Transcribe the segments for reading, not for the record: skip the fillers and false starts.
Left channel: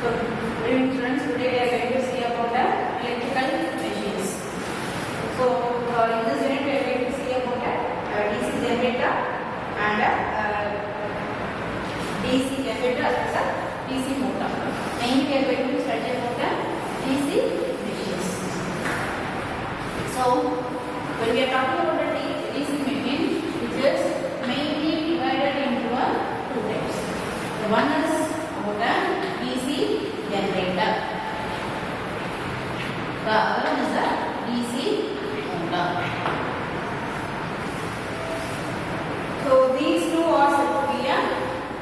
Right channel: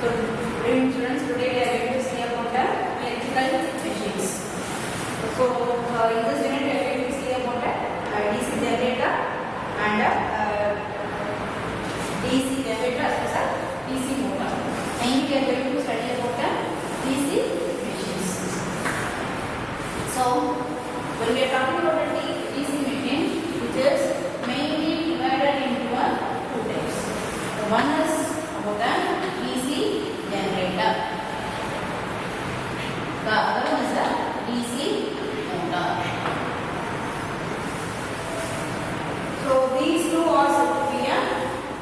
So, students, today we are going to see about the electrical machines. So, in this unit we are going to see about a DC generator and a DC generator as well as DC motor. Mainly we are going to study about the DC machines. So, when we are talking about the DC machine, which is mainly divided into two types. One is about the DC generator. The other one is a DC motor. So these two are said to be a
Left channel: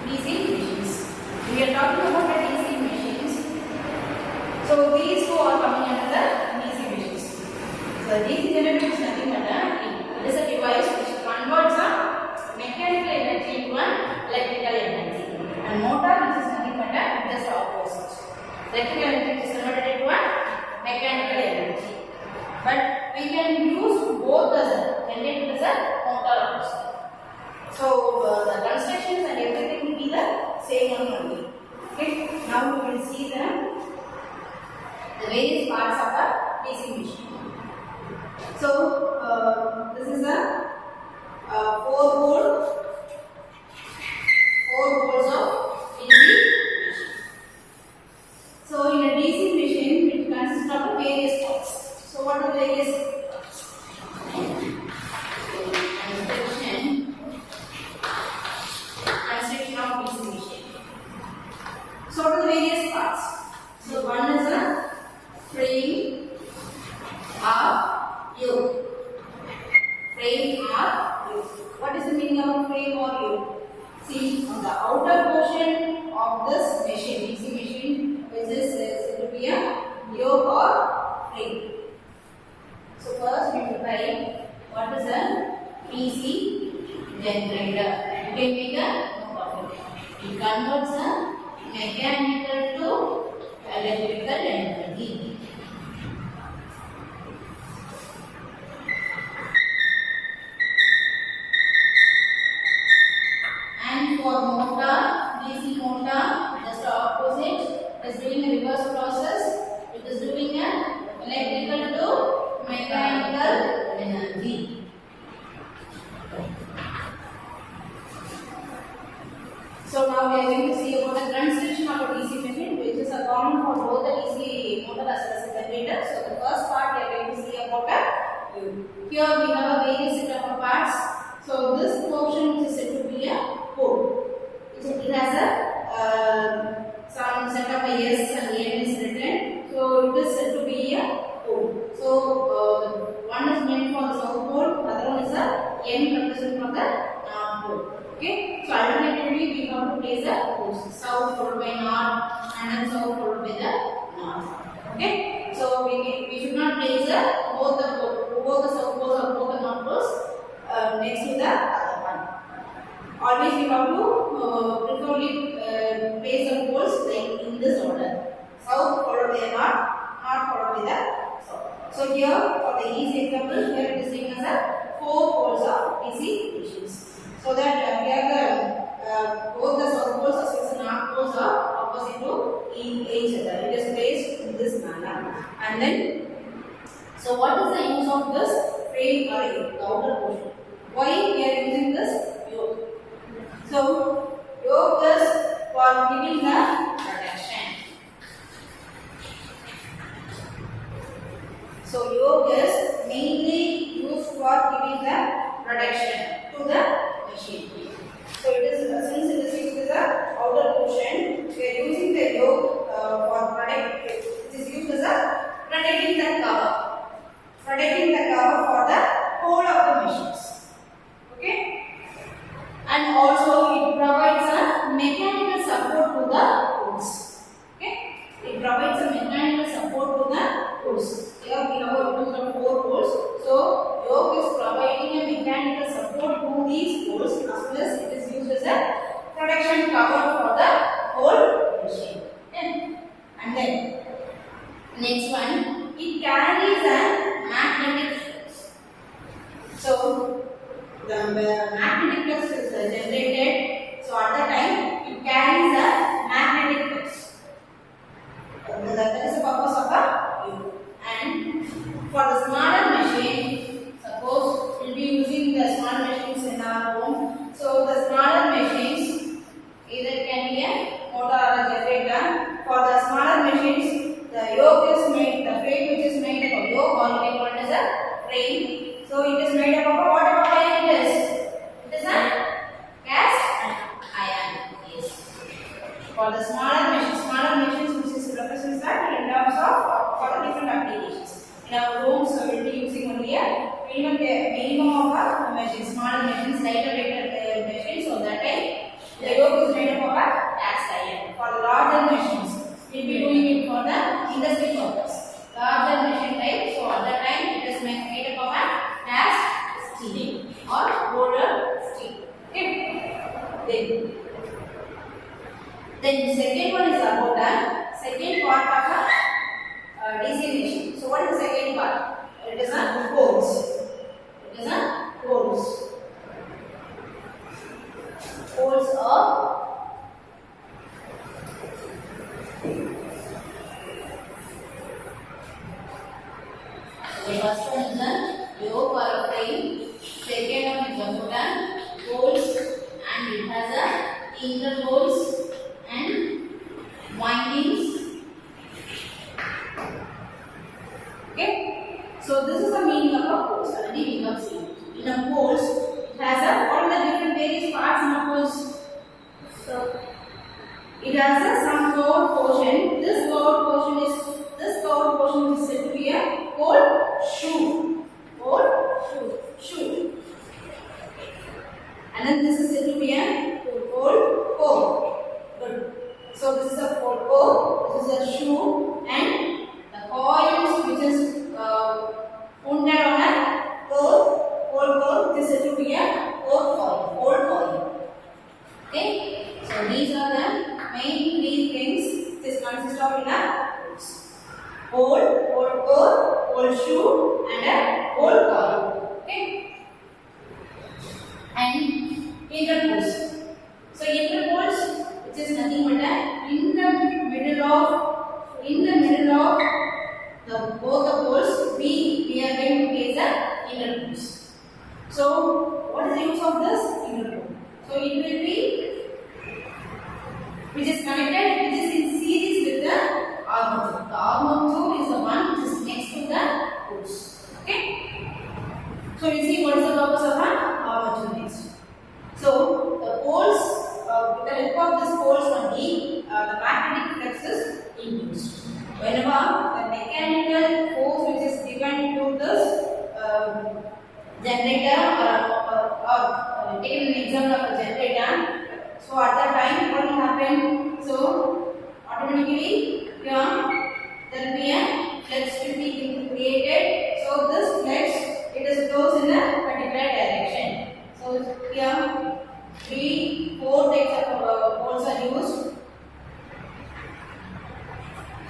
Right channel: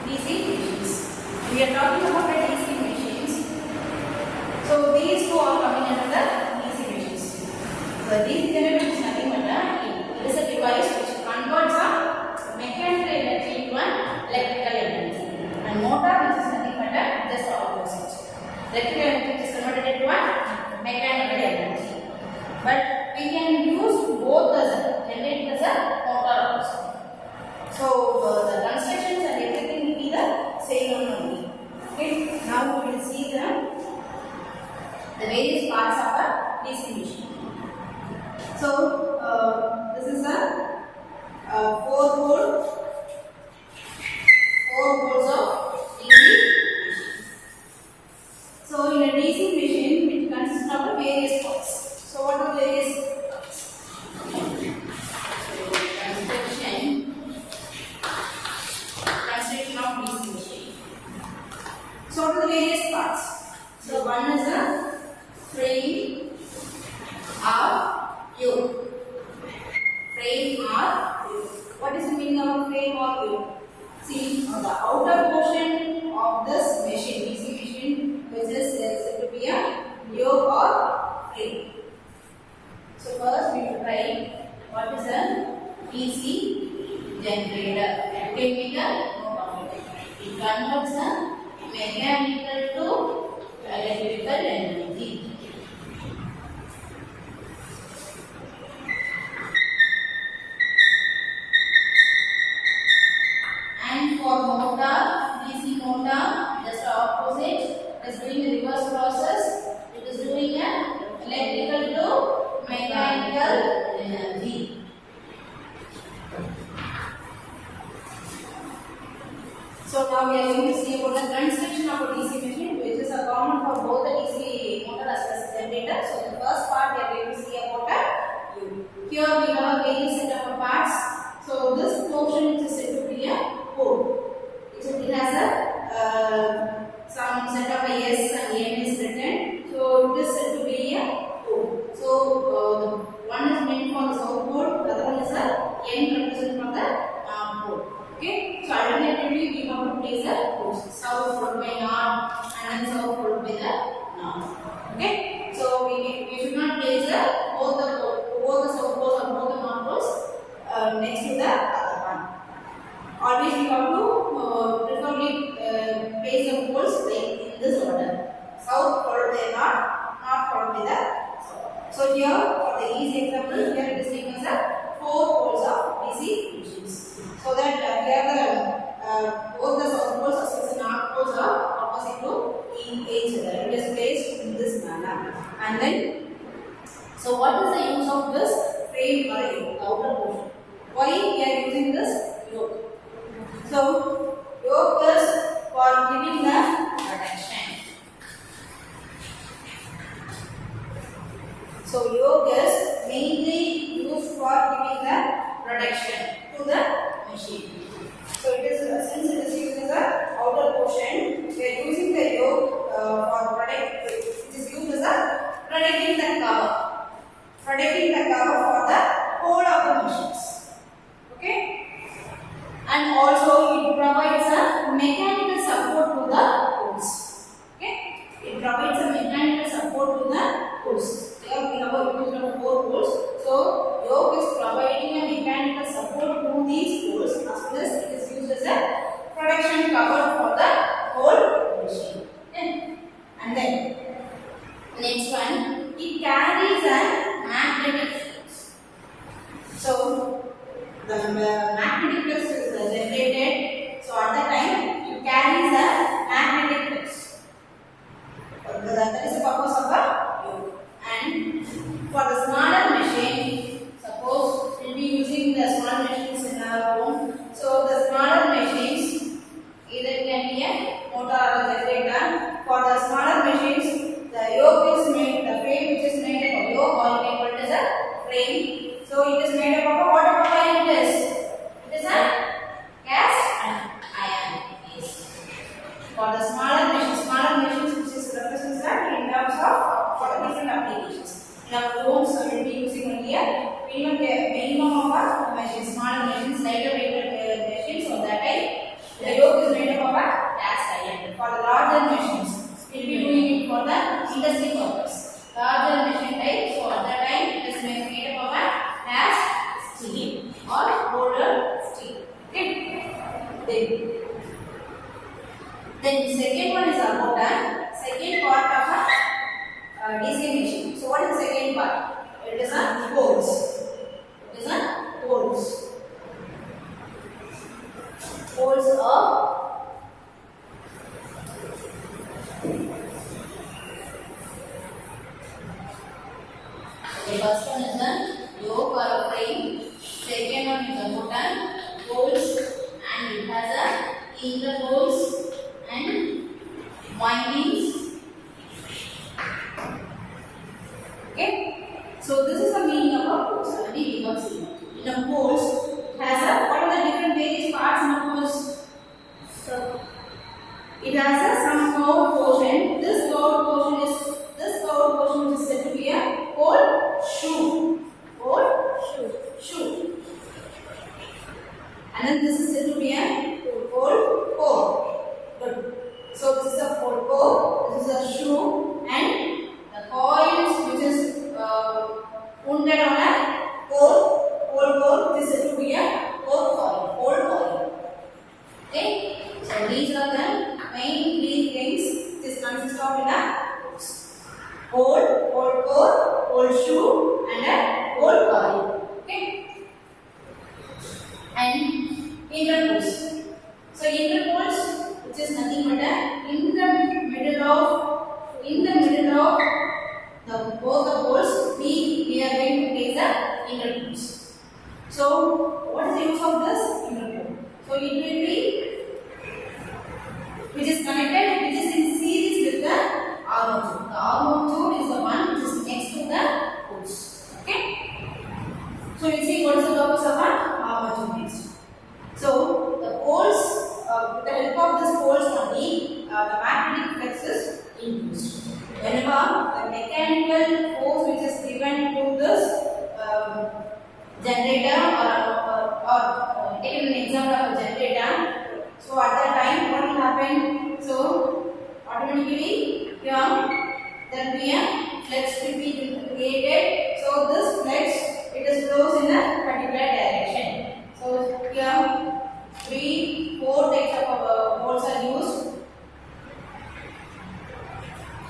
DC machines. We are talking about the DC machines. So these two are coming under the DC machines. So DC generator is nothing but it is a device which converts a mechanical energy into an electrical energy. And motor, which is nothing but just opposite. Electrical energy is converted into a mechanical energy. But we can use both as a generator as a motor also. So the constructions and everything will be the same only. Okay. Now we will see the various parts of a DC machine. So this is a 4 volts of DC machine. So in a DC machine, it consists of various parts. So what are the various parts? Construction of DC machine. So what are the various parts? So one is a frame or yoke. Frame or yoke. What is the meaning of frame or yoke? See, on the outer portion of this machine, DC machine, which is said to be a yoke or frame. So first we will try what is a DC generator. You can make a note of it. It converts a mechanical to electrical energy. And for motor, DC motor, just opposite, it is doing a reverse process. It is doing an electrical to mechanical energy. So now we are going to see about the construction of a DC machine, which is a common for both the DC motor as well as the generator. So the first part we are going to see about a yoke. Here we have a various set of parts. So this portion is said to be a pole. It has a some set of S and N is written. So it is said to be a pole. So one is meant for the south pole, the other one is a N representing for the pole. Okay. So alternatively we have to place a poles. South followed by north and then south followed by the north. Okay. So we should not place both the south poles or both the north poles next to the other one. Always we have to preferably place the poles like in this order. South followed by north, north followed by the south. So here for the easy example, here it is taken as a 4 poles of DC machines. So that here the both the south poles as well as the north poles are opposite to each other. It is placed in this manner. And then, so what is the use of this frame or the outer portion? Why we are using this yoke? So yoke is for giving the protection. So yoke is mainly used for giving the protection to the machine. So it is since it is used as a outer portion, we are using the yoke for protect. It is used as a protecting the cover for the whole of the machines. Okay, and also it provides a mechanical support to the pole. a motor or a generator. For the smaller machines, the yoke is made, the frame which is made up of yoke, or you can call it as a frame. So it is made up of a what type of iron it is? It is a cast iron. Yes. For the smaller machines which is represents that in terms of for the different applications. In our homes, we will be using only a minimum of a machine, smaller machines, lighter weighted machines. So that time the yoke is made up of a cast iron. For the larger machines, we will be doing it for the industry purpose. Larger machine type, so at that time it is made up of a cast steel or roller steel. Okay. Then the second one is about the second part of a DC machine. So what is the second part? It is a poles. It is a poles. Poles of the first one is a yoke or a frame. Second one is a motor, poles, and it has a interpoles and windings. Okay, so this is the meaning of a poles. Already we have seen. In a poles, it has a what are the different various parts in a poles? So it has a some curved portion. This curved portion is said to be a pole shoe. Shoe. And then this is said to be a pole. Good. So this is a pole. This is a shoe, and the coils which is wounded on a pole, this is to be a pole coil. Okay, so these are the main three things this consists of in a pole core, pole shoe, and a pole coil. Okay, and interpoles. So interpoles, which is nothing but in the middle of both the poles, we are going to place the interpoles. So what is the use of this interpole? So it will be which is connected, which is in series with the armature. The armature is the one which is next to the poles. Okay. So we see what is the purpose of an armature next. So the poles, with the help of this poles only, the magnetic flux is induced. Whenever the mechanical force which is given to this generator or take an example of a generator, so at that time what will happen? So automatically here there will be a flux will be created. So this flux it is flows in a particular direction. So here 3-4 types of poles are used.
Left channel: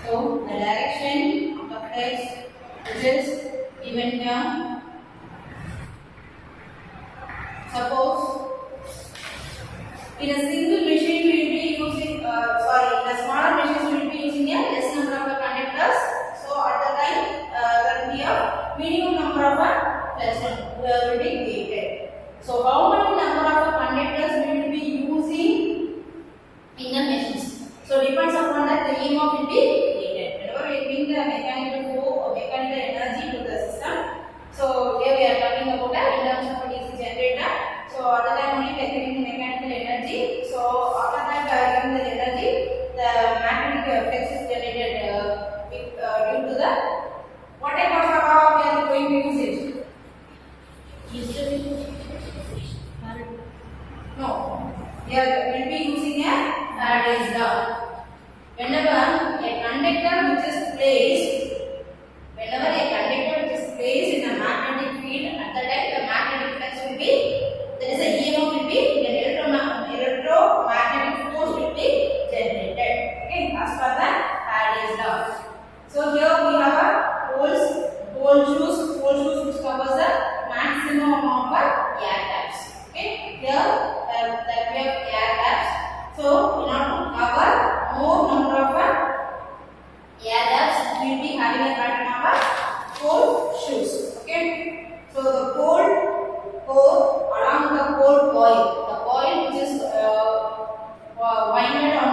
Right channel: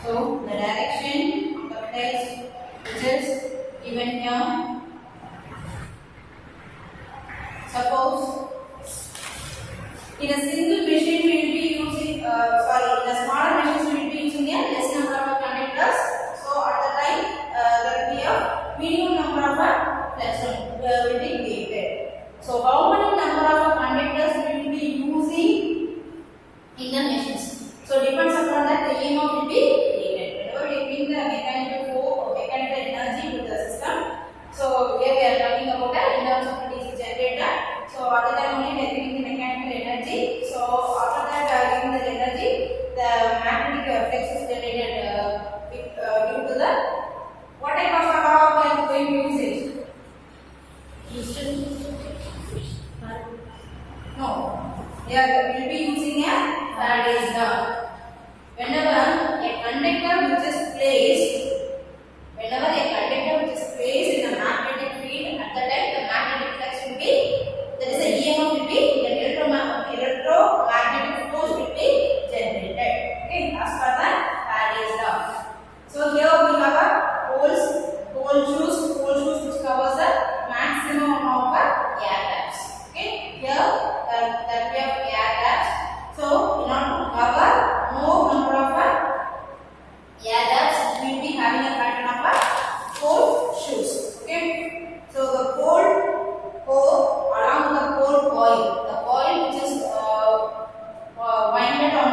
So the direction of the flux which is given here. Suppose in a single machine we will be using, in a smaller machine we will be using a less number of conductors. So at the time there will be a minimum number of flux will be created. So how many number of conductors we will be using in the machines? So depends upon that the EMF will be created. Whenever we bring the mechanical energy to the system. So here we are talking about in terms of a DC generator. So at the time only we are getting the mechanical energy. So after that we are getting the energy, the magnetic flux is generated due to the what type of law we are going to use it? No, here we will be using a Faraday's law. Whenever a conductor which is placed in a magnetic field, at the time the magnetic flux will be, there is a EMF will be, the electromagnetic force will be generated. Okay, as per the Faraday's law. So here we have a pole shoes which covers the maximum amount of air gaps. Okay, here that we have air gaps. So in order to cover more number of air gaps, we will be having a pattern of pole shoes.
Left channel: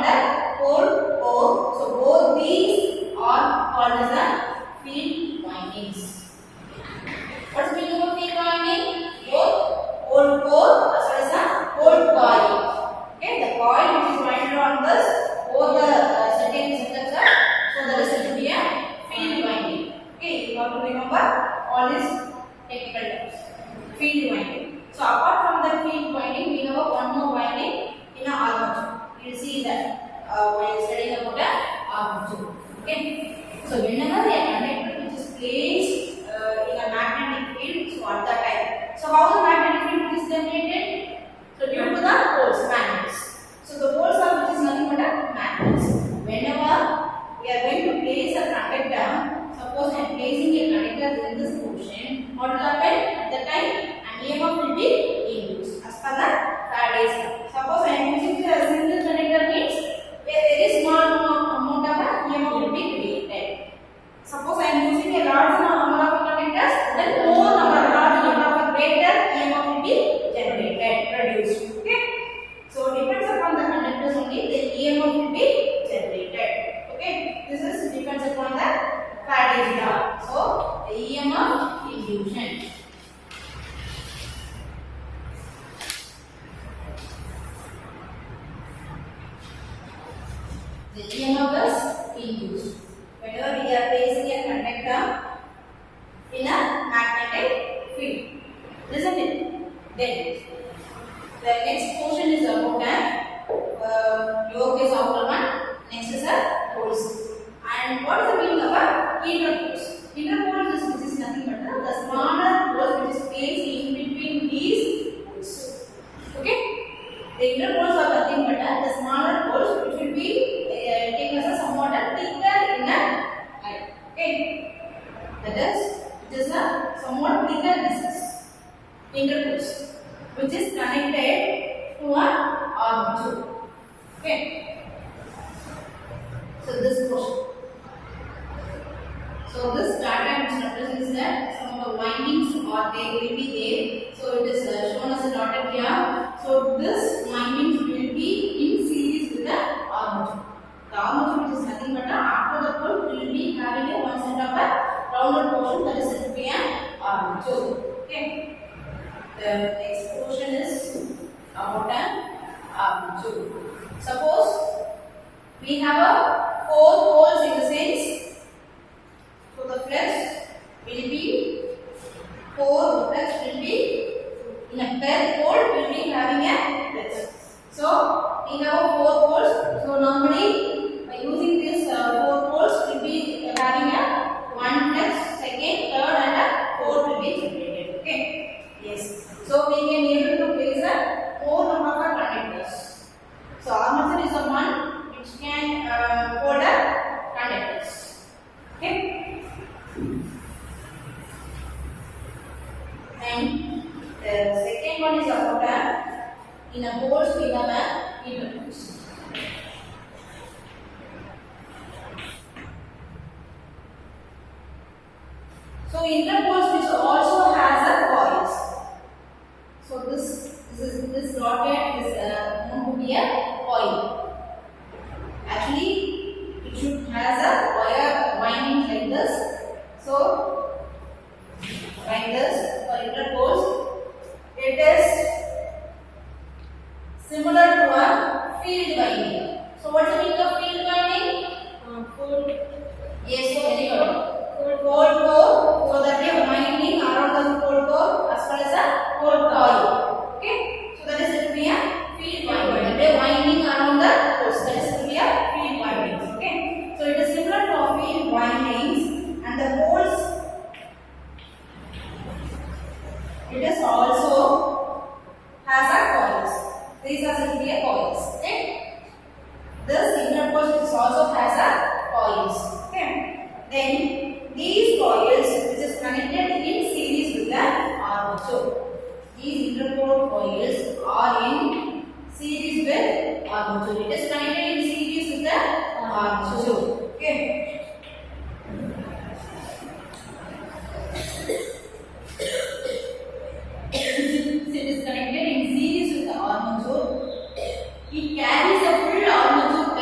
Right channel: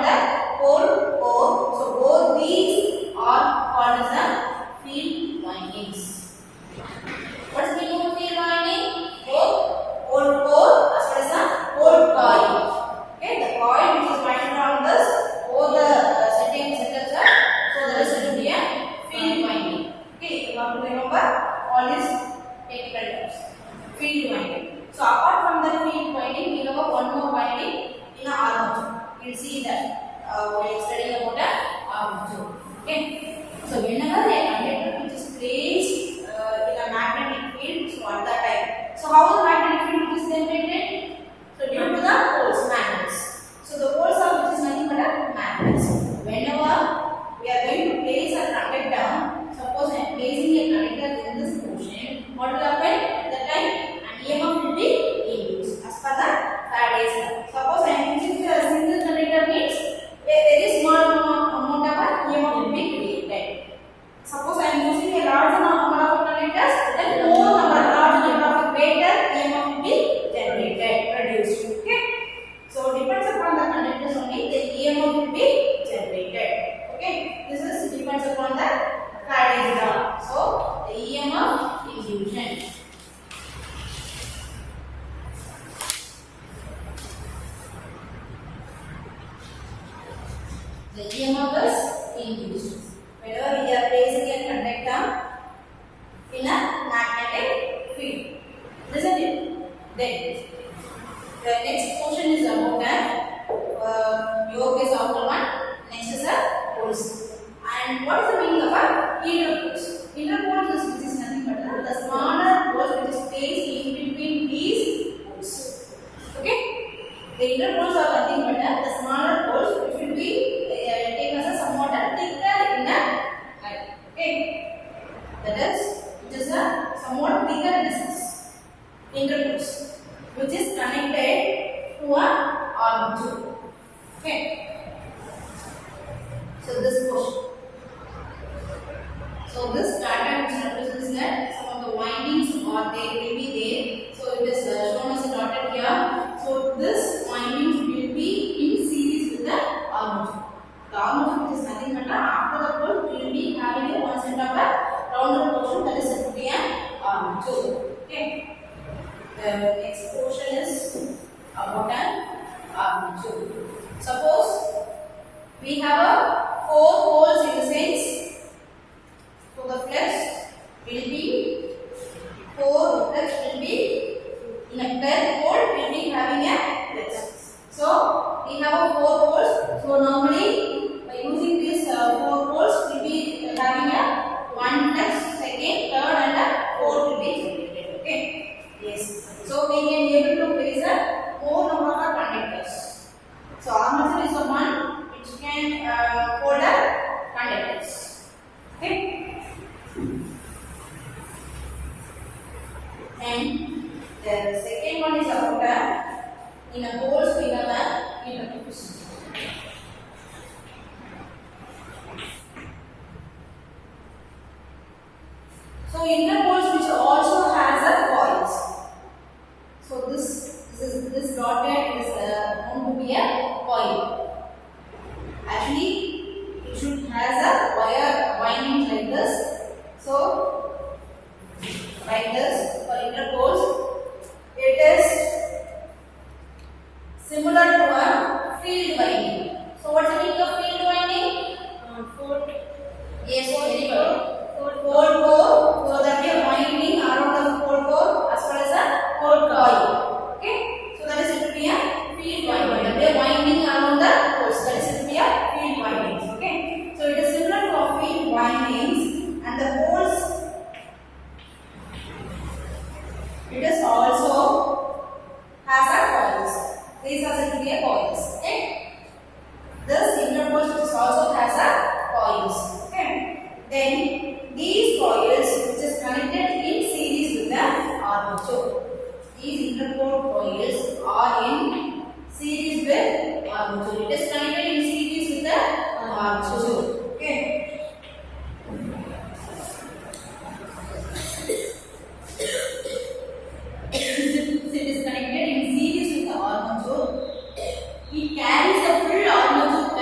the pole core. So both these are called as the field windings. What's the meaning of field winding? Both pole core as well as the pole coil. Okay, the coil which is winded on this, both the setups are, so that is said to be a field winding. Okay, you have to remember all these technical terms. Field winding. So apart from the field winding, we have one more winding in a armature. You will see that while studying about the armature. Okay. So whenever the conductor which is placed in a magnetic field, so at that time, so how the magnetic field is generated? So due to the poles, magnets. So the poles are which is nothing but a magnets. Whenever we are going to place a conductor, suppose I am placing a conductor in this portion, what will happen? At that time, an EMF will be induced as per the Faraday's law. Suppose I am using a single conductor means a very small amount of EMF will be created. Suppose I am using a large number of conductors, then more large number of greater EMF will be generated, produced. Okay. So depends upon the conductors only, the EMF will be generated. Okay. This is depends upon the Faraday's law. So the EMF induction. The EMF is induced whenever we are placing a conductor in a magnetic field. Isn't it? Then the next portion is about a yoke is outer one. Next is a poles. And what is the meaning of a interpoles? Interpoles is which is nothing but the smaller poles which is placed in between these poles. Okay? The interpoles are nothing but the smaller poles which will be taken as a somewhat thicker in a height. Okay? That is, it is a somewhat thicker distance. Interpoles which is connected to an armature. Okay? So this portion. So this diagram which represents that some of the windings or they will be there. So it is shown as a dotted here. So this windings will be in series with the armature. The armature which is nothing but after the pole we will be having a one set of a rounded portion that is said to be an armature. Okay. The next portion is about an armature. Suppose we have a 4 poles in the sense. So the flex will be 4 flex will be in a per pole we will be having a flex. So we have a 4 poles. So normally by using this 4 poles we will be having a 1 flex, second, third and a 4th will be generated. Okay. Yes. So we can be able to place a 4 number of conductors. So armature is the one which can hold a conductors. Okay. And the second one is about in a poles we have a interpoles. So interpoles which also has a coils. So this dotted is known to be a coil. Actually, it should has a wire winding like this. So like this for interpoles, it is similar to a field winding. So what's the meaning of field winding? Yes, very good. Pole core, so that we are winding around the pole core as well as a pole coil. Okay, so that is said to be a field winding. That we are winding around the poles. That is said to be a field windings. Okay, so it is similar to a field windings, and the poles. It is also has a coils. These are said to be a coils. Okay, this inner poles which also has a coils. Okay, then these coils which is connected in series with the armature. These interpole coils are in series with armature. It is connected in series with the armature. Okay. It is connected in series with the armature. It carries a full armature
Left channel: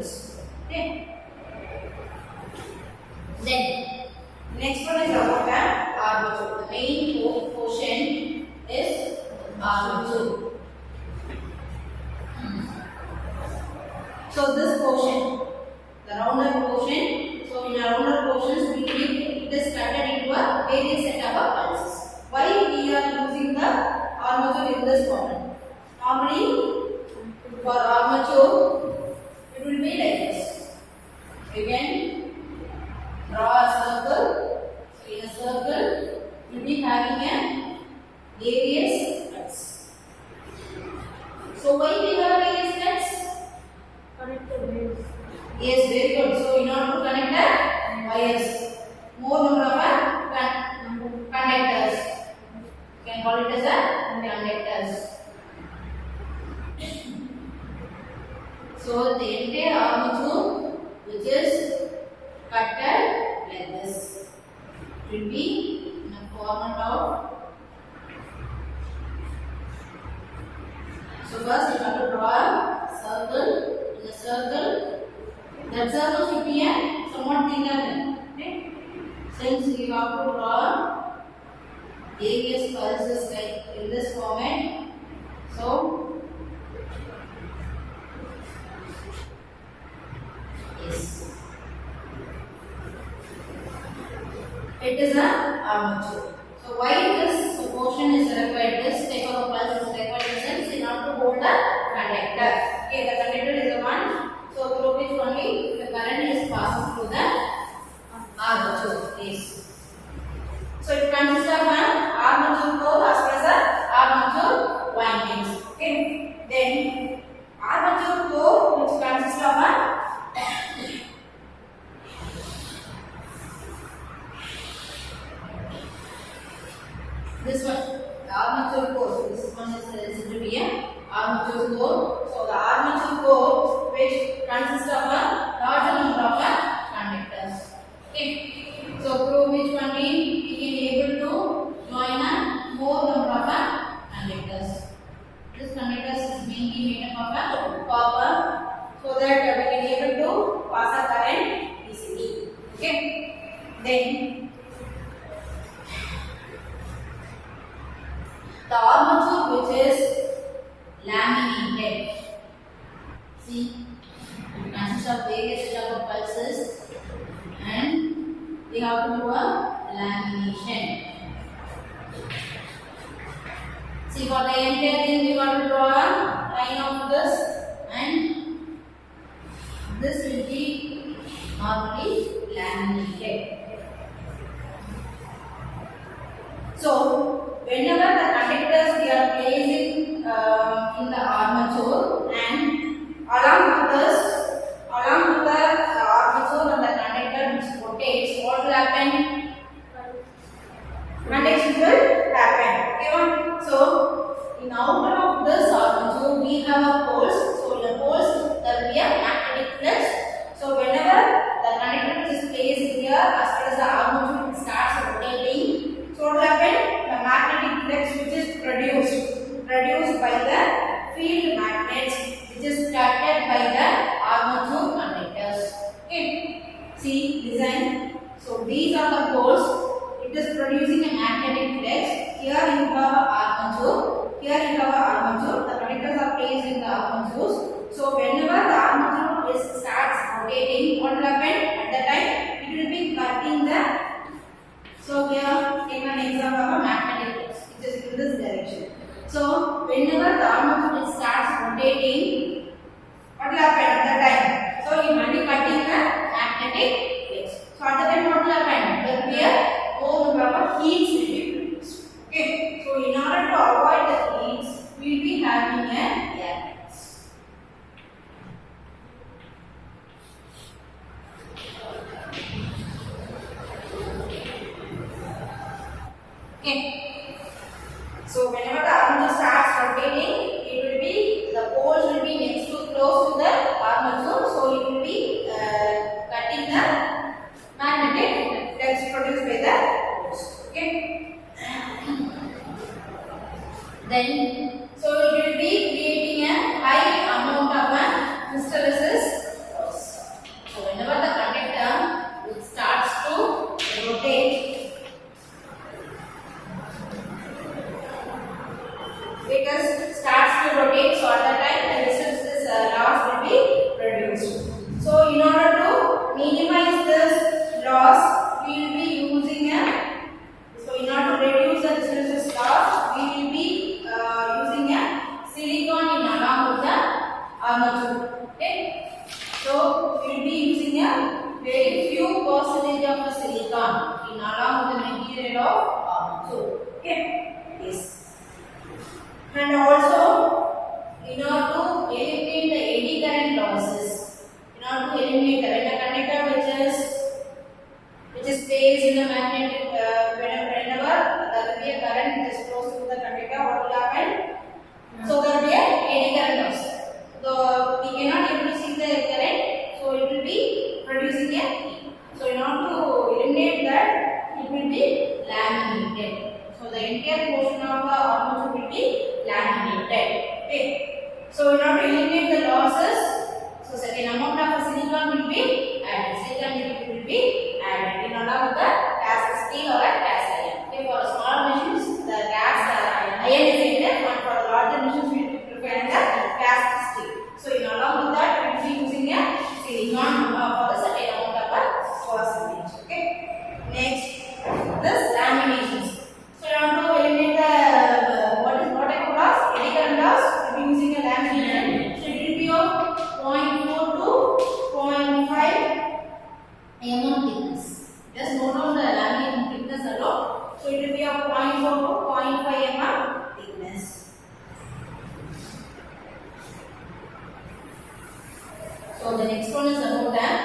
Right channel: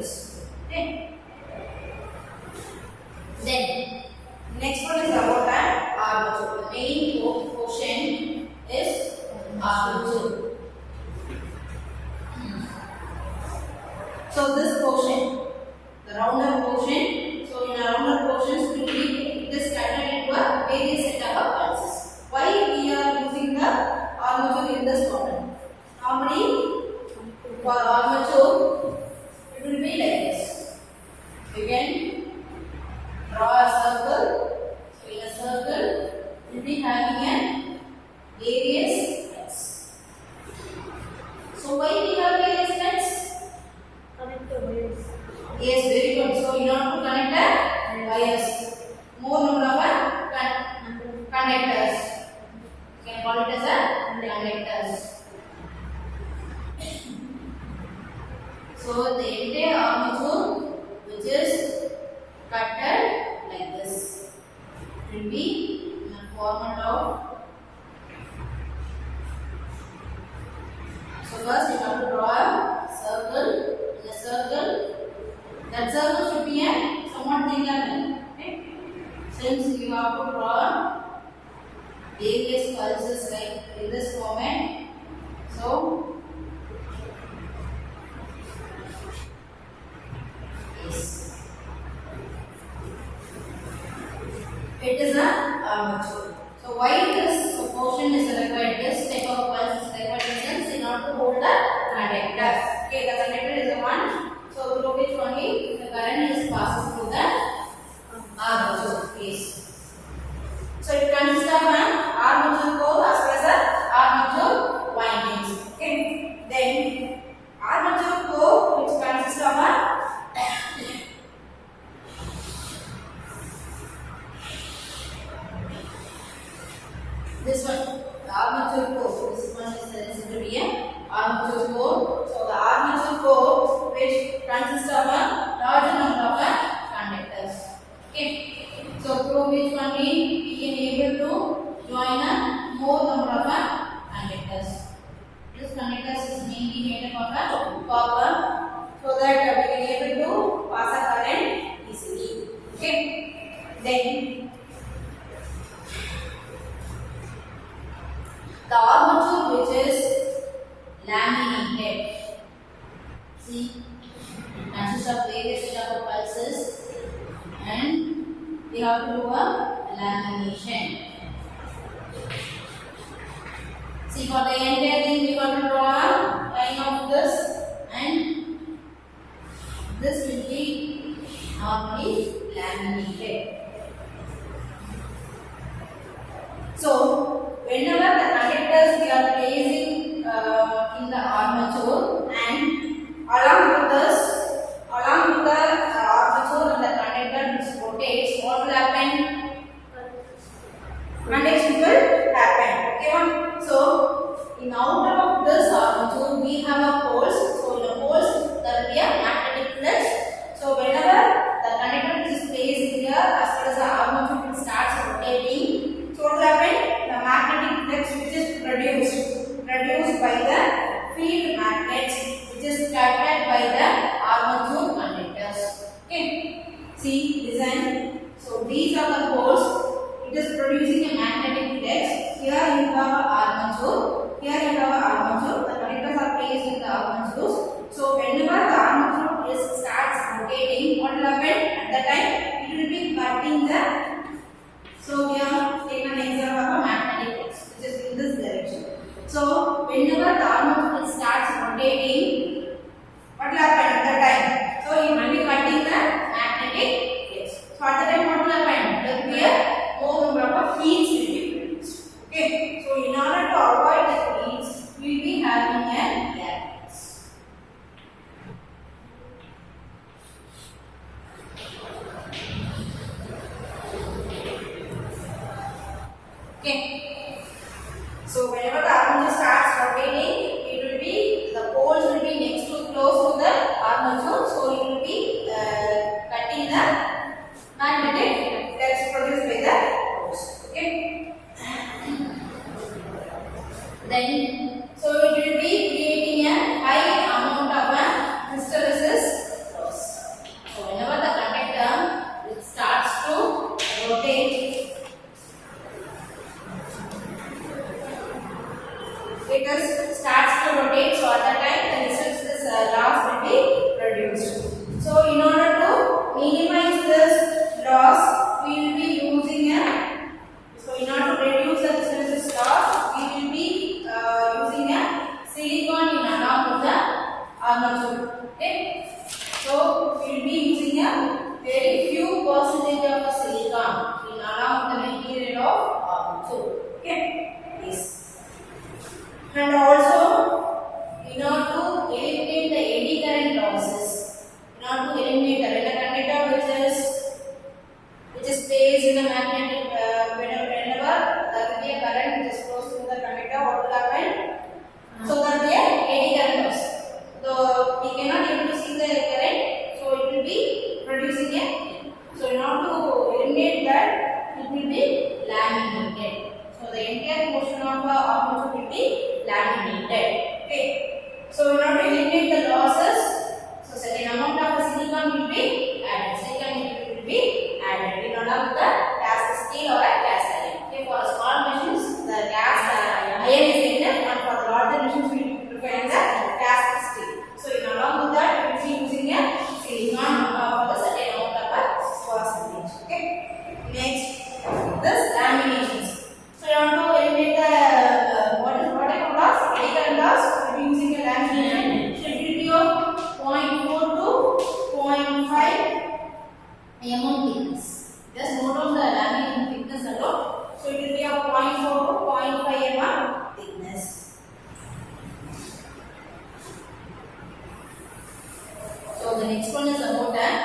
fluids. Okay. Then next one is about an armature. The main portion is armature. So this portion, the rounder portion. So in a rounder portions, we need this converted into a various set of pulses. Why we are using the armature in this format? Normally, for armature, it will be like this. You can draw a circle. So in a circle, we will be having a various cuts. So why we have various cuts? Connector wires. Yes, very good. So in order to connect the wires, more number of conductors. You can call it as a conductors. So the entire armature, which is cutted like this, will be in a format of. So first you have to draw a circle. In a circle, that circle should be a somewhat thinner than. Okay? Since you have to draw various pulses like in this format, so yes, it is an armature. So why this portion is required? This type of a pulse is required in order to hold the conductor. Okay, the conductor is the one. So through which only the current is passes through the armature. Yes. So it consists of an armature core as well as the armature windings. Okay. Then armature core, which consists of a this one, the armature core. This one is to be a armature core. So the armature core, which consists of a larger number of conductors. Okay. So through which one we can able to join a more number of conductors. This conductors is mainly made up of a copper, so that we can able to pass a current easily. Okay. Then the armature, which is laminated. See, it consists of various type of pulses, and we have to do a lamination. See, for the entire thing, we have to draw a line of this, and this will be normally laminated. So, whenever the conductors we are placing in the armature, and along with the armature and the conductor which rotates, what will happen? Conduction will happen. Okay, so in outer of this armature we have a poles. So in the poles there will be a magnetic flux. So whenever the conductor which is placed here as well as the armature starts rotating, so what will happen? The magnetic flux which is produced by the field magnets which is attracted by the armature conductors. Okay, see design. So these are the poles. It is producing a magnetic flux. Here you have a armature. Here you have a armature. The conductors are placed in the armatures. So whenever the armature starts rotating, what will happen? At that time, it will be cutting the. So we have taken an example of a magnetic flux, which is in this direction. So whenever the armature starts rotating, what will happen at that time? So it will be cutting the magnetic flux. So at that time, what will happen? There will be a more number of heats will be produced. Okay. So in order to avoid the heats, we will be having an air pits. Okay. So whenever the armature starts rotating, it will be the poles will be next to close to the armature. So it will be cutting the magnetic flux produced by the poles. Okay. Then, so it will be creating a high amount of crystallisis loss. So we will be using a very few percentage of the silicon in along with the material of armature. Okay. Yes. And also, in order to eliminate the eddy current losses, in order to eliminate when a conductor which is placed in the magnetic whenever there will be a current which is close to the conductor, what will happen? So there will be a eddy current loss. So we cannot able to see the current, so it will be producing a. So in order to eliminate that, it will be laminated. So the entire portion of the armature will be laminated. Okay. So in order to eliminate the losses, so certain amount of silicon will be added. Silicon will be added in order with the cast steel or a cast iron. Okay. For small machines, the cast iron is needed, and for the larger machines, we will prefer the cast steel. So in along with that, we will be using a silicon for the certain amount of percentage. Okay. Next, this laminations. So you want to eliminate the what type of loss? Eddy current loss. We will be using a lamination. So it will be of 0.4 to 0.5 mm thickness. Just note down the lamination thickness alone. So it will be of 0.4 to 0.5 mm thickness. So the next one is about that.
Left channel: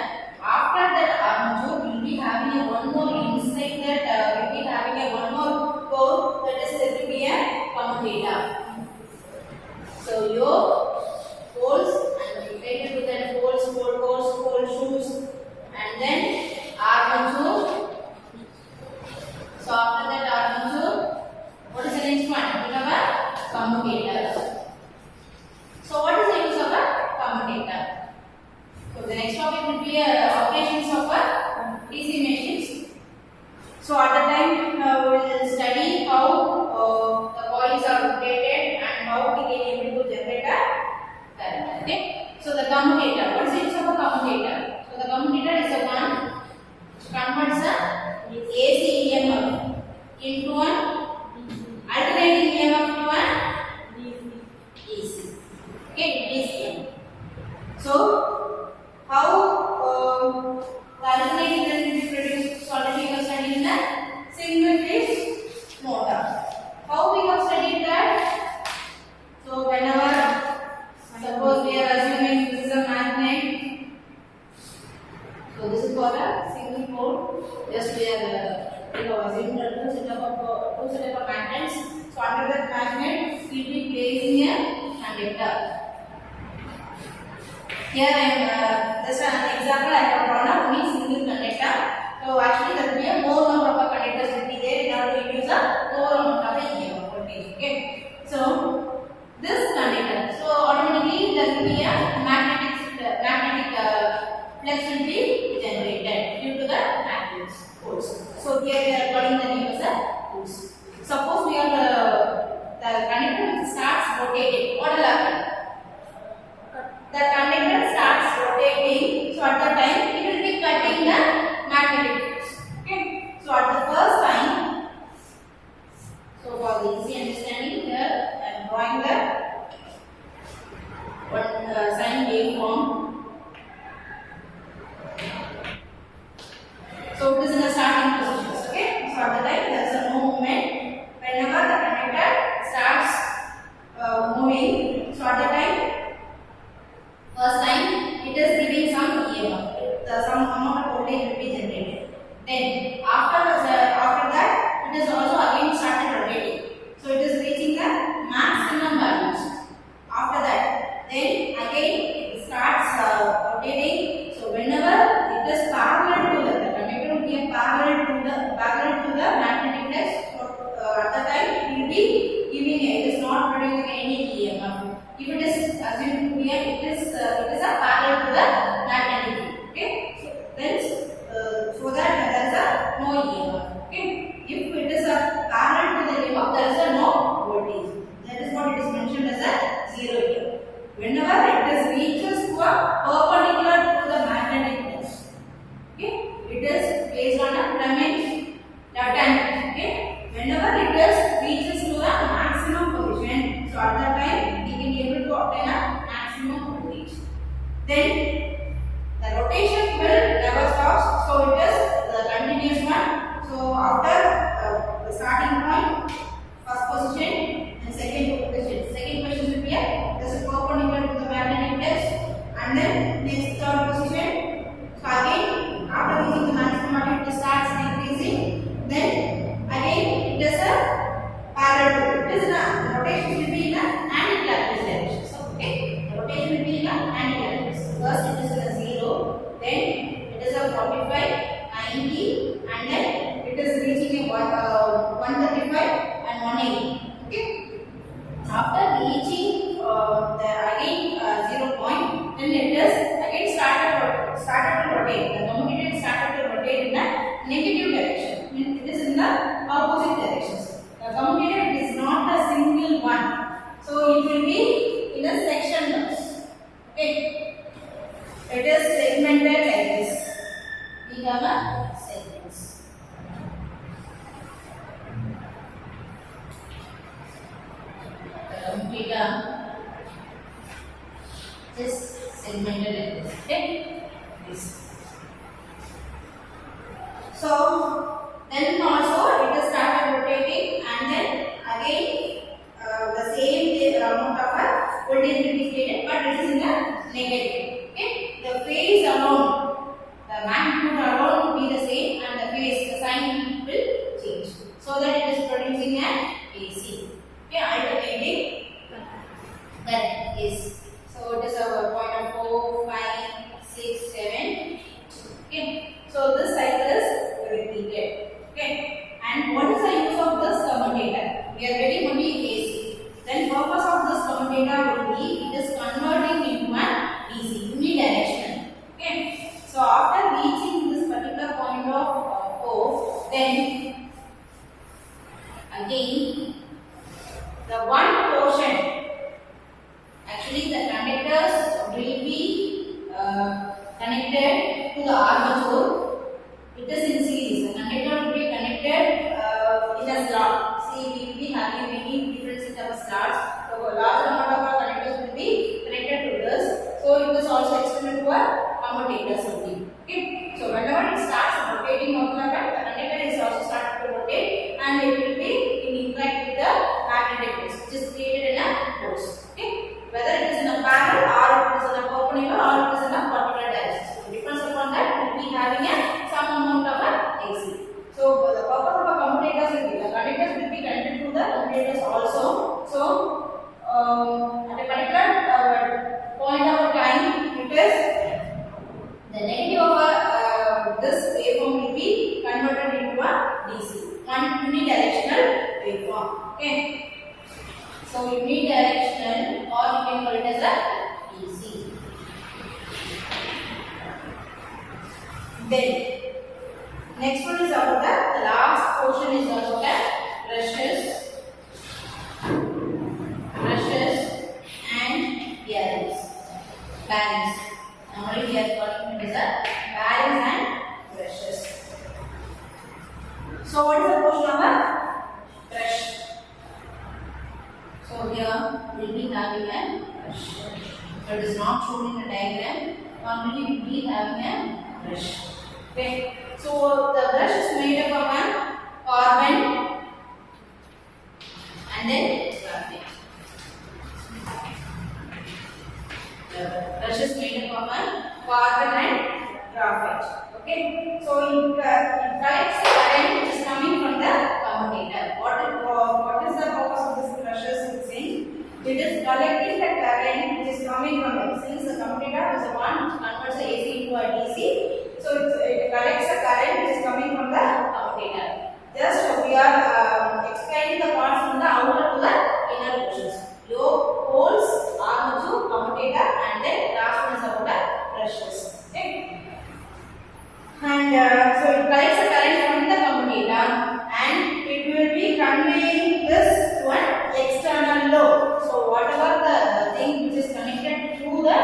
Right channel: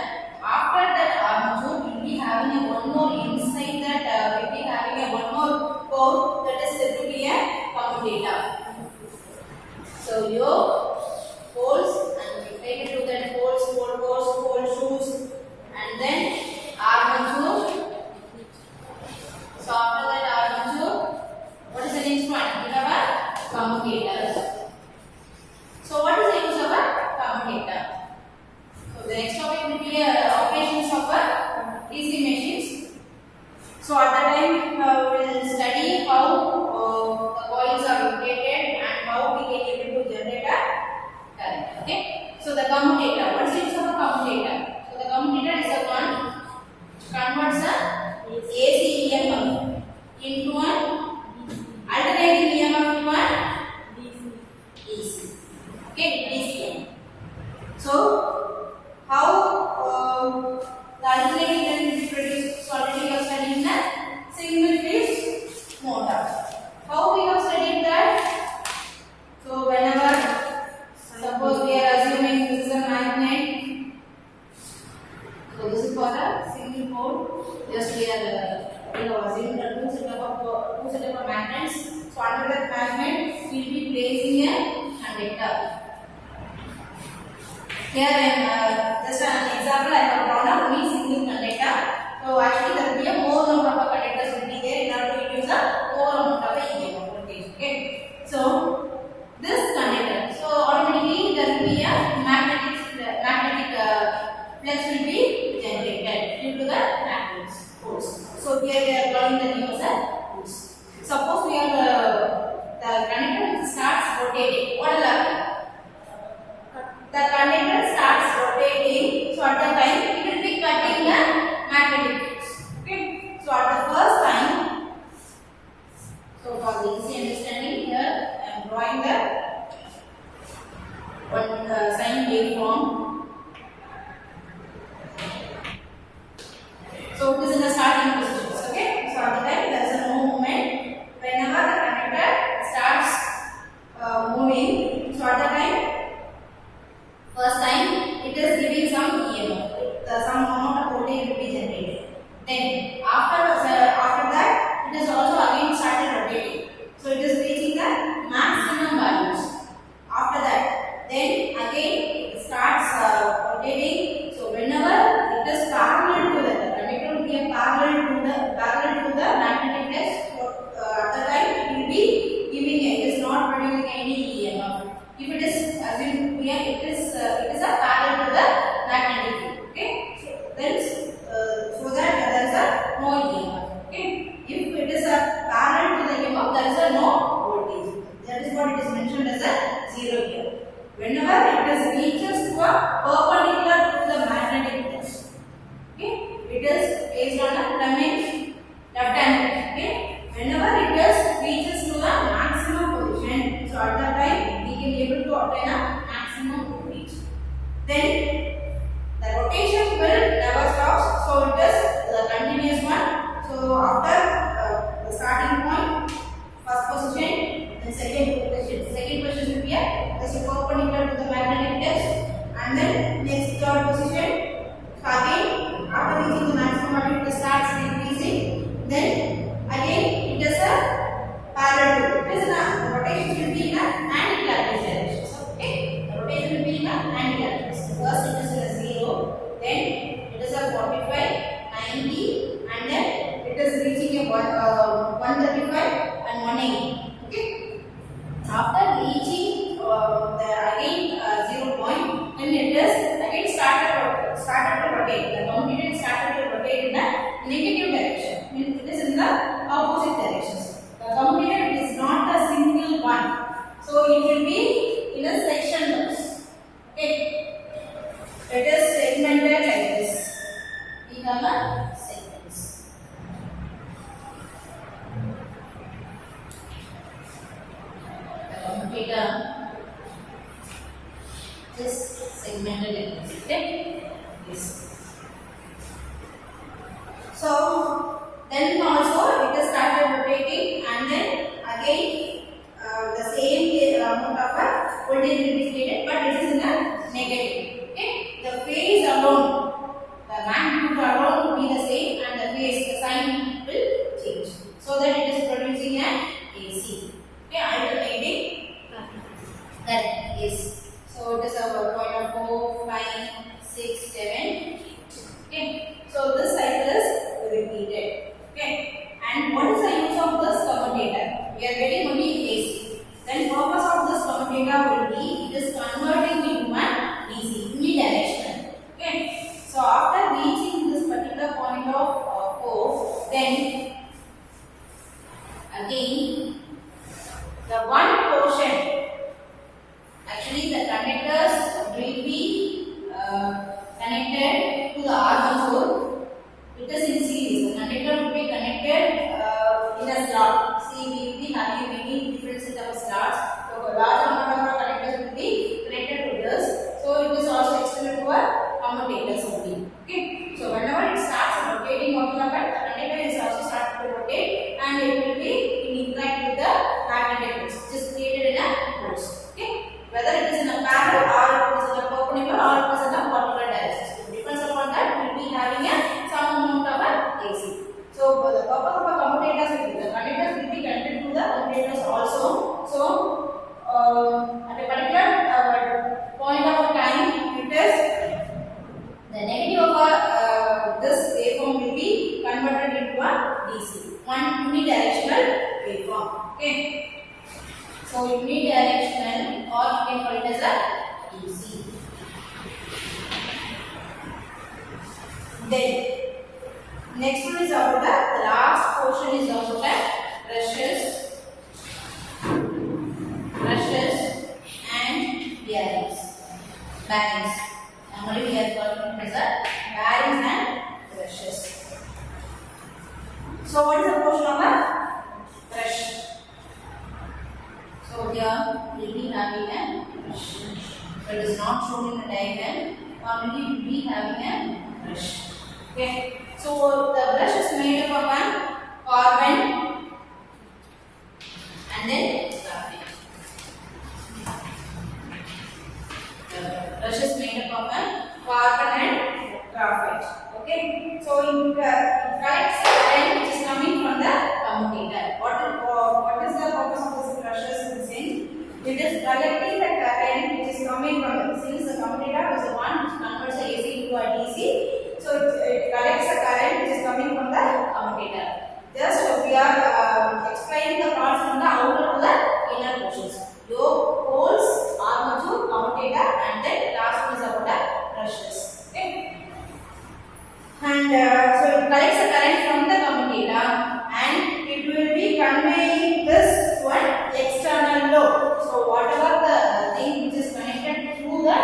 After that armature, we will be having a one more inside that we will be having a one more core that is said to be a commutator. So your poles and related to that poles, pole cores, pole shoes, and then armature. So after that armature, what is the next one? We have a commutator. So what is the use of a commutator? So the next topic will be operations of DC machines. So at the time we will study how the coils are rotated and how we can able to generate a current. Okay. So the commutator. What is the use of a commutator? So the commutator is the one which converts a AC EMF into an alternating EMF to an DC. Okay, DC. So how the alternating current will be produced? So already we have studied in the single phase motor. How we have studied that? So whenever suppose we are assuming this is a magnet. So this is for a single pole. Just we are assuming two set of magnets. So under that magnet we will be placing a conductor. Here just an example I have drawn up only single conductor. So actually there will be a more number of conductors will be there in order to induce a more amount of EMF voltage. Okay. So this conductor, so automatically there will be a magnetic flux will be generated due to the magnet poles. So here we are calling the name as a poles. Suppose we are the conductor starts rotating. What will happen? The conductor starts rotating, so at the time it will be cutting the magnetic fields. Okay. So at the first time, so for the easy understanding here, I am drawing the one sine waveform. So it is in the starting positions. Okay. So at the time there is no movement. Whenever the conductor starts moving, so at the time. First time it is giving some EMF, some amount of voltage will be generated. Then after that it is also again started rotating. So it is reaching the maximum values. After that, then again it starts rotating. So whenever it is parallel to the conductor will be a parallel to the magnetic flux. At the time it will be giving it is not producing any EMF. If it is assumed here, it is a parallel to the magnetic field. Okay, so then so that there is a no after the starting point, first position, then second position. Second position will be just perpendicular to the magnetic test, and then next third position. So again, after reaching the maximum value, it starts decreasing. Then again, it is a parallel to it. It is the rotation will be in an anti-clockwise direction. So okay, the rotation will be in an anti-clockwise. First it is a 0, then it is a 45, 90, and then it is reaching a 135 and 180. Okay. After reaching the again 0 point, then it is again started to rotate. The commutator started to rotate in a negative direction. Means it is in the opposite directions. The commutator is not a single one, so it will be in a section box. Okay, it is segmented like this. We have a segments. The commutator is segmented like this. Okay, this. So then also it is started rotating, and then again the same amount of a voltage will be created, but it is in a negative. Okay, the phase alone, the magnitude alone will be the same, and the phase, the sign will change, so that it is producing an AC. Okay, alternating current is. So it is our point of 4, 5, 6, 7. Okay, so this cycle is repeated. Okay, and what is the use of this commutator? We are getting only AC. Then purpose of this commutator will be it is converting into an DC, unidirectional. Okay, so after reaching this particular point of 4, then again the one portion, actually the conductors will be connected to the armature. It is in series. The conductor will be connected in a slot. See, we will be having many different set of slots. So a large amount of our connectors will be connected to this. So it is also extended to our commutators only. Okay. So whenever it starts rotating, what will happen? The conductor is also started to rotate, and it will be interact with the magnetic field, which is created in a force. Okay. Whether it is in a parallel or it is in a perpendicular or it is in a particular direction. So depends upon that, we will be having some amount of AC. So the purpose of a commutators will be the conductors will be connected to the commutators also. So at a particular point of time, it is the negative of this waveform will be converted into a DC, one unidirectional waveform. Okay. So unidirectional, or you can call it as a DC. Then next one is about the last portion is about the brushes and bearings. Bearings. Normally we are calling it as a bearings and brushes. So what is the portion of a brush? So here we will be having a brush. So it is not shown in the diagram. Normally we will be having a brush. Okay. So the brush is made up of a carbon and then graphite. The brush is made up of a carbon and graphite. Okay. So it collects the current which is coming from the commutator. What is the purpose of this brushes? It is collecting the current which is coming from the, since the commutator is the one which converts the AC into a DC. So it collects the current which is coming from the commutator. Just we are explaining the parts from the outer to the inner portions. Yoke, poles, armature, commutator, and then last one is about the brushes. Okay. And so it collects the current from the commutator, and it will be conveying this to an external load. So whatever the thing which is connected to the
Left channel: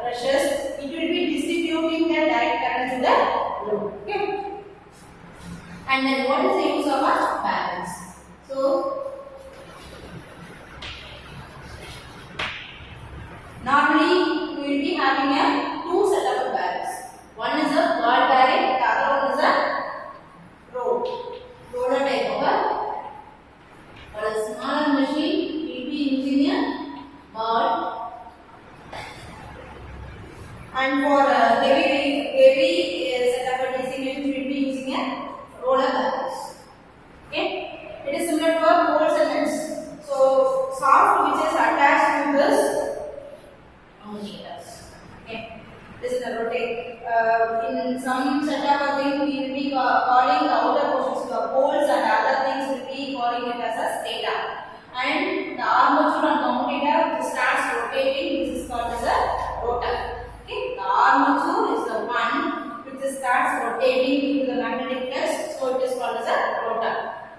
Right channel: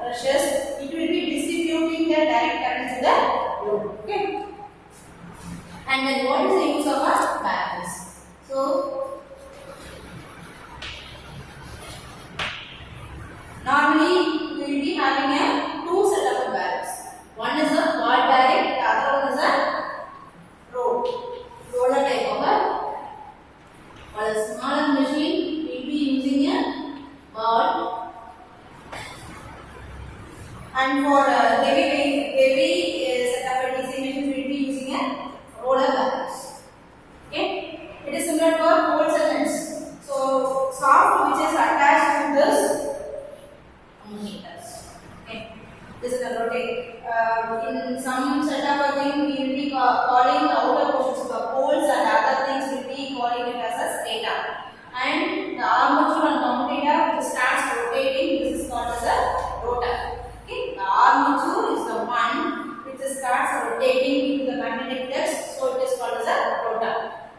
brushes, it will be distributing the direct current to the load. Okay. And then what is the use of a balance? So normally we will be having a two set of barrels. One is a ball bearing, the other one is a rod And for heavy set of a DC machine, we will be using a roller balance. Okay, it is similar to a pole segments. So soft which is attached to this ammometers. Okay, this is the rotate. In some setup of thing, we will be calling the outer portions, the poles and other things will be calling it as a stator. And the armature and commutator which starts rotating, this is called as a rotor. Okay, the armature is the one which starts rotating into the magnetic flux, so it is called as a rotor.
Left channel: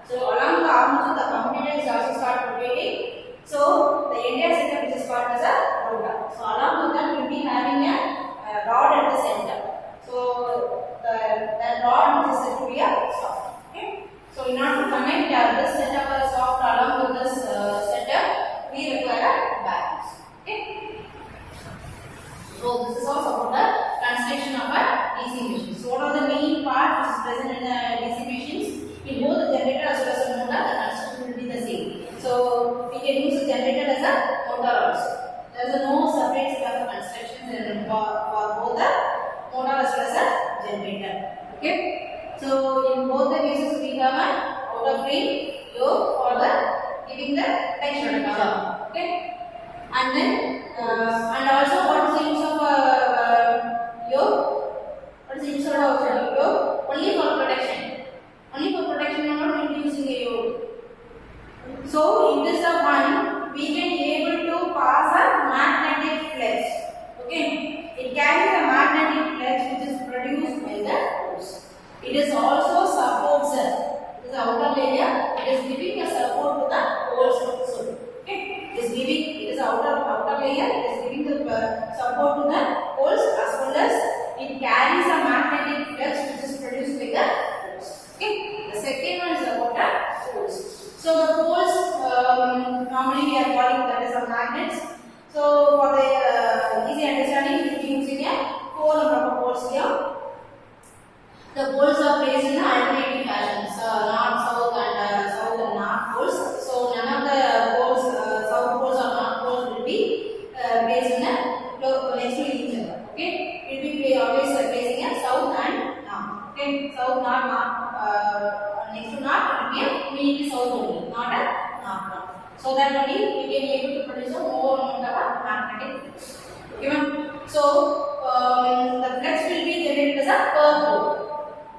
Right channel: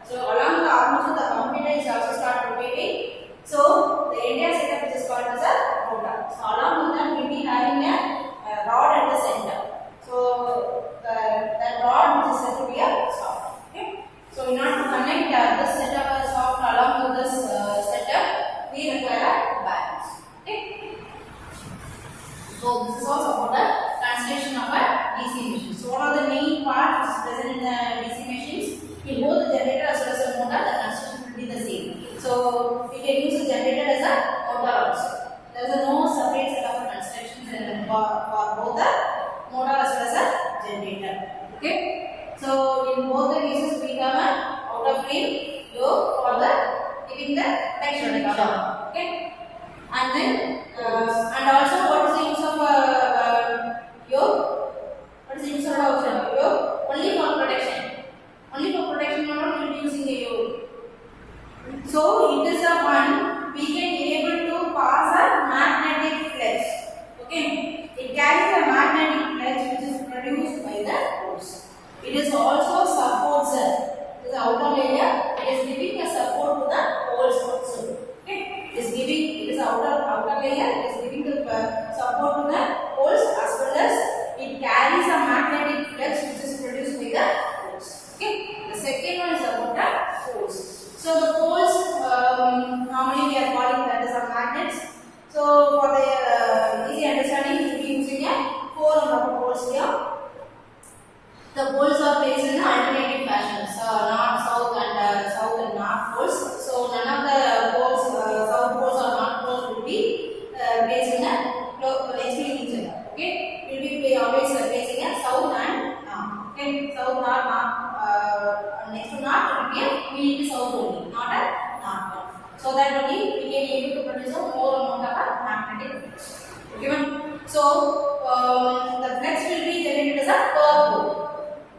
So along the armature, the commutator is also start rotating. So the entire setup which is called as a rotor. So along with that, we will be having a rod at the center. So that rod which is said to be a soft. Okay. So in order to connect this setup as soft along with this setup, we require a balance. Okay. So this is also about the translation of a DC machine. So what are the main parts which is present in the DC machines? In both the generator as well as the motor, the construction will be the same. So we can use the generator as a motor also. There is no separate set of constructions for both the motor as well as a generator. Okay. So in both the cases we have an outer frame yoke for the giving the texture cover. Okay. And then and also what is the use of yoke? What is the use of yoke? Only for protection. Only for protection we will be using a yoke. So it is the one we can able to pass a magnetic flux. Okay, it carries a magnetic flux which is produced by the poles. It is also supports it is the outer layer. It is giving a support to the poles also. Okay, it is giving it is outer layer. It is giving the support to the poles as well as it carries a magnetic flux which is produced by the poles. Okay, the second one is about the poles. So the poles normally we are calling that as a magnets. So for the easy understanding, we will be using a 4 number of poles here. The poles are placed in alternating fashions, north, south, and north poles. So none of the poles, south poles or north poles, will be placed in next to each other. Okay, we will be always placing a south and north. Okay, south, north. Next to north, we need the south only, not a north one. So that only we can able to produce a more amount of a magnetic flux. Okay, so the flux will be generated as a per pole.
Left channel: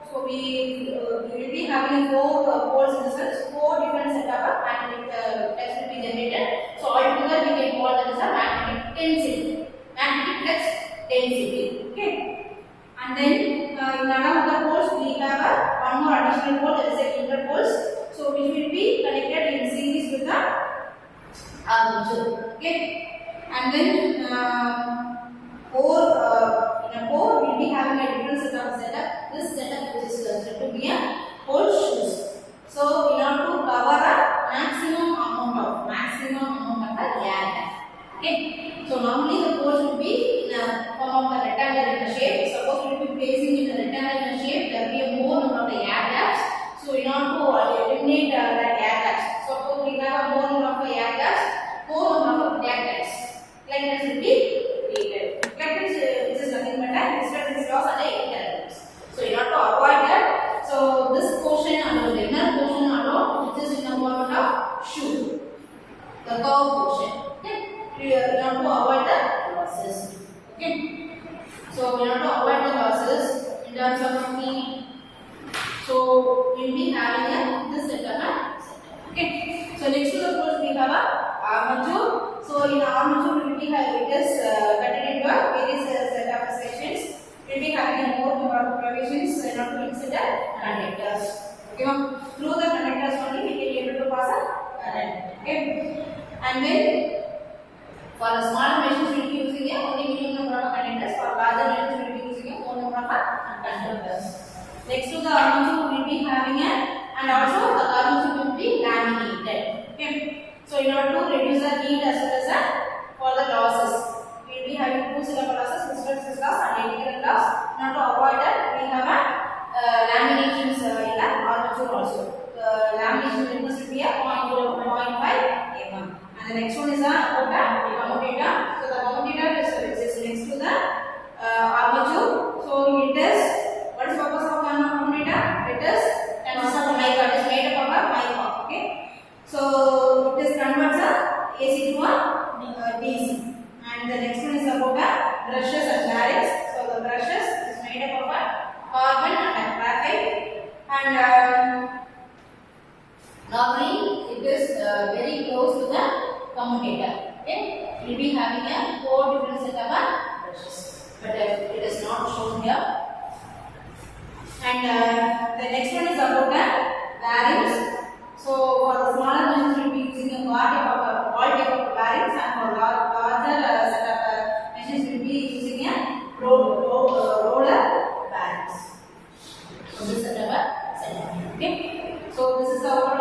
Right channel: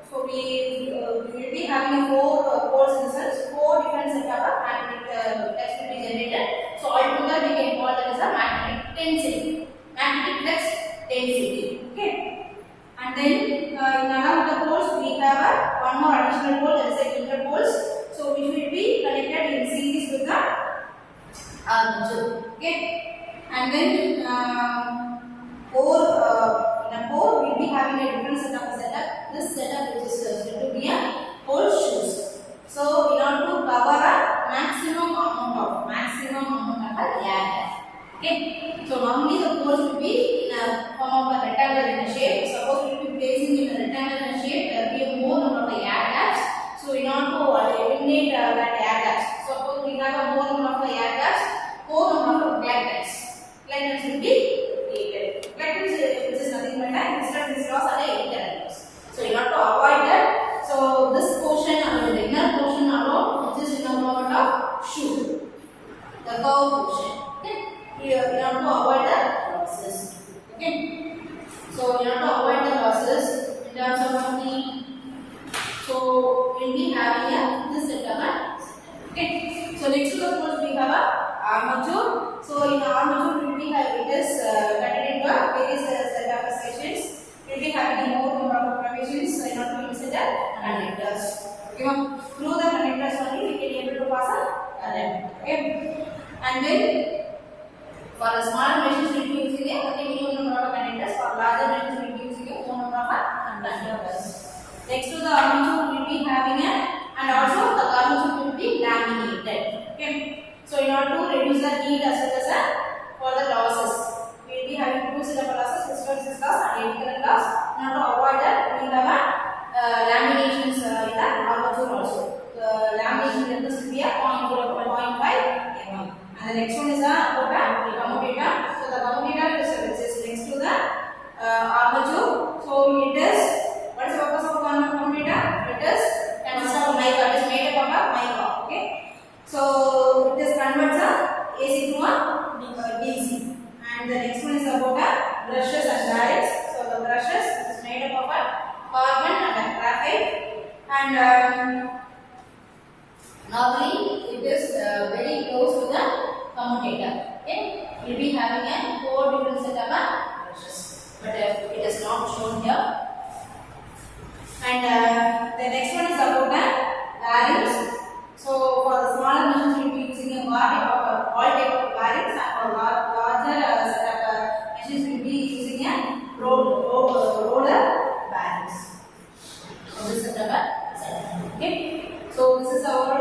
So we will be having a 4 poles in the sense, 4 different set of magnetic flux will be generated. So altogether we can call that as a magnetic density, magnetic flux density. Okay. And then in another of the poles we have one more additional pole, that is a interpoles. So which will be connected in series with the armature. Okay. And then in a core we will be having a different set of setup. This setup which is said to be a pole shoes. So in order to cover a maximum amount of a air gap. Okay. So normally the poles will be in a form of a rectangle in a shape. Suppose we will be placing in a rectangle in a shape, there will be a more number of the air gaps. So in order to eliminate that air gaps, suppose we have a more number of the air gaps, more number of collectors. Collectors will be created. Collectors which is nothing but a distance loss and the intervals. So in order to avoid that, so this portion and the inner portion alone, which is in the form of shoe, the curve portion. Okay. We have to avoid the losses. Okay. So we have to avoid the losses in terms of the. So we will be having this setup. Okay. So next to the poles we have a armature. So in armature we will be having it is cutted into various set of sections. We will be having a more number of provisions in order to insert the conductors. Okay. Through the conductors only we can able to pass a current. Okay. And then for a smaller machines we will be using a only minimum number of conductors. For larger machines we will be using a more number of conductors. Next to the armature we will be having a, and also the armature will be laminated. Okay. So in order to reduce the heat as well as for the losses, we will be having 2 syllable losses, hysteresis loss and integral loss. In order to avoid that, we have a laminations in the armature also. The lamination thickness will be a 0.4 0.5 mm. And the next one is about the commutator. So the commutator is which is next to the carbon and a graphite, and normally it is very close to the commutator. Okay, we will be having a 4 different set of brushes, but it is not shown here. And the next one is about the bearings. So for the smaller machines, we will be using a all type of bearings, and for larger set of machines, we will be using a roller bearings. So this set of okay. So this is our